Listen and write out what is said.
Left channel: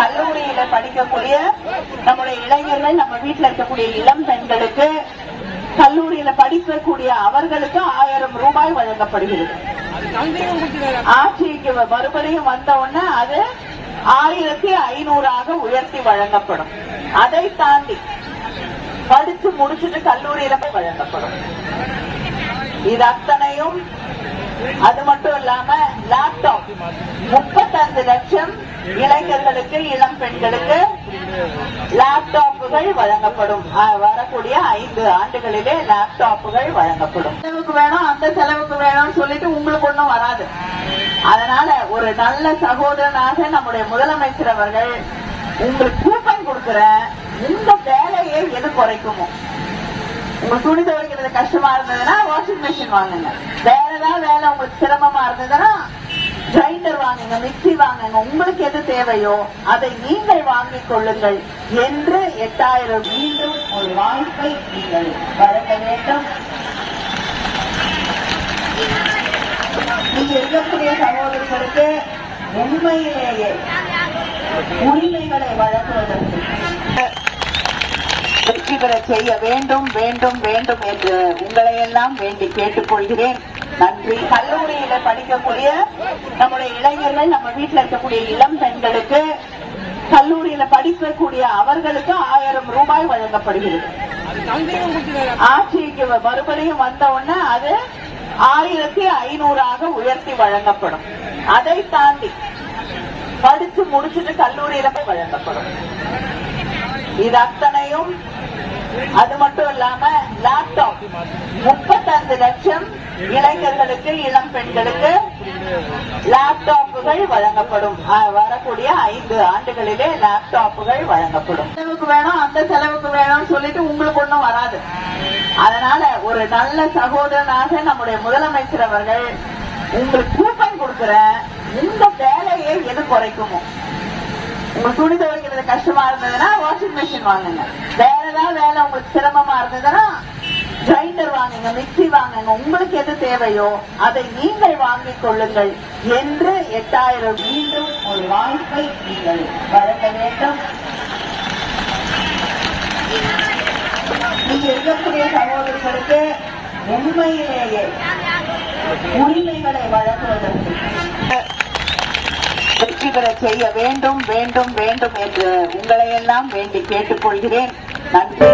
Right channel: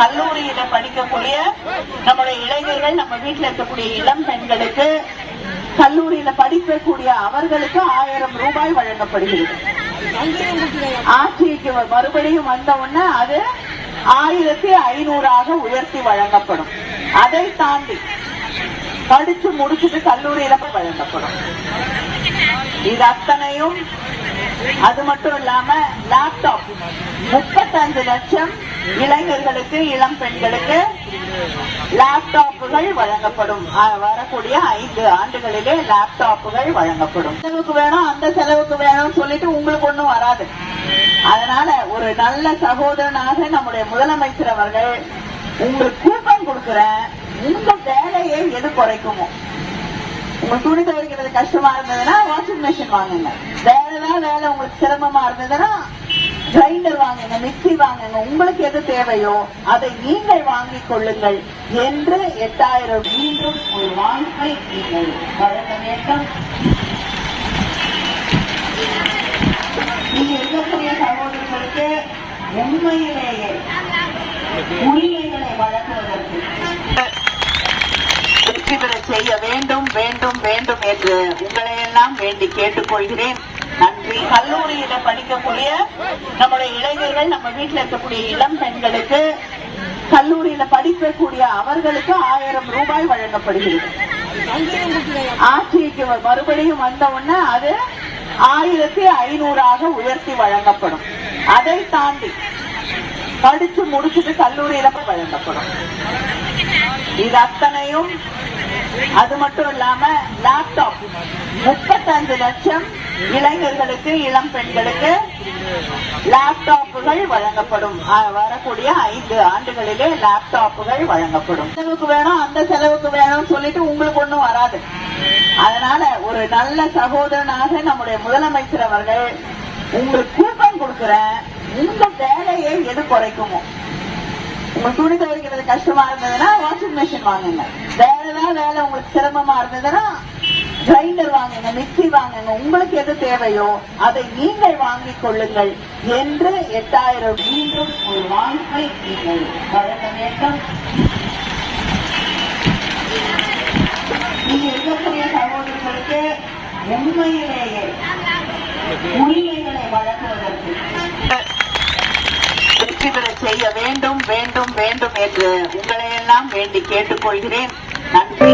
கல்லூரியில படிக்கக்கூடிய நம்முடைய இளைஞர்கள், நம்ம வீட்டுல இருக்கக்கூடிய இளம் பெண்களுக்கு, கல்லூரியில படிக்கக்கூடிய அவர்களுக்கு 1000 ரூபாய் வழங்கப்படுகிறது. ஆட்சிக்கு மறுபடியும் வந்த உடனே அது 1500 உயர்த்தி வழங்கப்படும். அதை தாண்டி படிச்சு முடிச்சுட்டு கல்லூரியில வழங்கப்படும். இது அத்தனையும் அது மட்டும் இல்லாம லேப்டாப் 35 லட்சம் இளைஞர்களுக்கு, இளம் பெண்களுக்கு லேப்டாப்புகள் வழங்கப்படும். வரக்கூடிய 5 ஆண்டுகளிலே லேப்டாப்புகள் வழங்கப்படும். செலவுக்கு வேணும், அந்த செலவுக்கு வேணும்னு சொல்லிட்டு உங்களுக்கு ஒண்ணும் வராது. அதனால ஒரு நல்ல சகோதரனாக நம்முடைய முதலமைச்சர் அவர்கள் உங்களுக்கு கூப்பன் கொடுக்கிறேன், இந்த வேலையை எது குறைக்குமோ. உங்க துணி துவைக்கிறது கஷ்டமா இருந்ததுன்னா வாஷிங் மிஷின் வாங்குங்க. வேற ஏதாவது வேலை உங்களுக்கு சிரமமா இருந்ததுன்னா கிரைண்டர் வாங்குங்க, மிக்சி வாங்குங்க. உங்களுக்கு எது தேவையோ அதை நீங்கள் வாங்கிக் கொள்ளுங்கள் என்று 8000 மீண்டும் ஒரு வாய்ப்பை நீங்கள் வழங்க வேண்டும். நீங்க இருக்கக்கூடிய சகோதரர்களுக்கு உண்மையிலேயே உரிமைகளை வழங்குவதற்கு வெற்றி பெற செய்ய வேண்டும் வேண்டும் வேண்டும் என்று உங்களை எல்லாம் வேண்டி கேட்டுக்கொள்கிறேன். நன்றி. கல்லூரியில படிக்கக்கூடிய நம்முடைய இளைஞர்கள், நம்ம வீட்டுல இருக்கக்கூடிய இளம் பெண்களுக்கு, கல்லூரியில படிக்கக்கூடிய அவர்களுக்கு 1000 ரூபாய் வழங்கப்படுகிறது. ஆட்சிக்கு மறுபடியும் வந்த உடனே அது 1500 உயர்த்தி வழங்கப்படும். அதை தாண்டி படிச்சு முடிச்சுட்டு கல்லூரியில வழங்கப்படும். இது அத்தனையும் அது மட்டும் இல்லாம லேப்டாப் 35 லட்சம் இளைஞர்களுக்கு, இளம் பெண்களுக்கு லேப்டாப்புகள் வழங்கப்படும். வரக்கூடிய 5 ஆண்டுகளிலே லேப்டாப்புகள் வழங்கப்படும். செலவுக்கு வேணும், அந்த செலவுக்கு வேணும்னு சொல்லிட்டு உங்களுக்கு ஒண்ணும் வராது. அதனால ஒரு நல்ல சகோதரனாக நம்முடைய முதலமைச்சர் அவர்கள் உங்களுக்கு கூப்பன் கொடுக்கிறேன், இந்த வேலையை எது குறைக்குமோ. உங்க துணி துவைக்கிறது கஷ்டமா இருந்ததுன்னா வாஷிங் மிஷின் வாங்குங்க. வேற ஏதாவது வேலை உங்களுக்கு சிரமமா இருந்ததுன்னா கிரைண்டர் வாங்குங்க, மிக்சி வாங்குங்க. உங்களுக்கு எது தேவையோ அதை நீங்கள் வாங்கிக் கொள்ளுங்கள் என்று 8000 மீண்டும் ஒரு வாய்ப்பை நீங்கள் வழங்க வேண்டும். நீங்க இருக்கக்கூடிய சகோதரர்களுக்கு உண்மையிலேயே உரிமைகளை வழங்குவதற்கு வெற்றி பெற செய்ய வேண்டும் வேண்டும் வேண்டும் என்று உங்களை எல்லாம் வேண்டி கேட்டுக்கொள்கிறேன். நன்றி.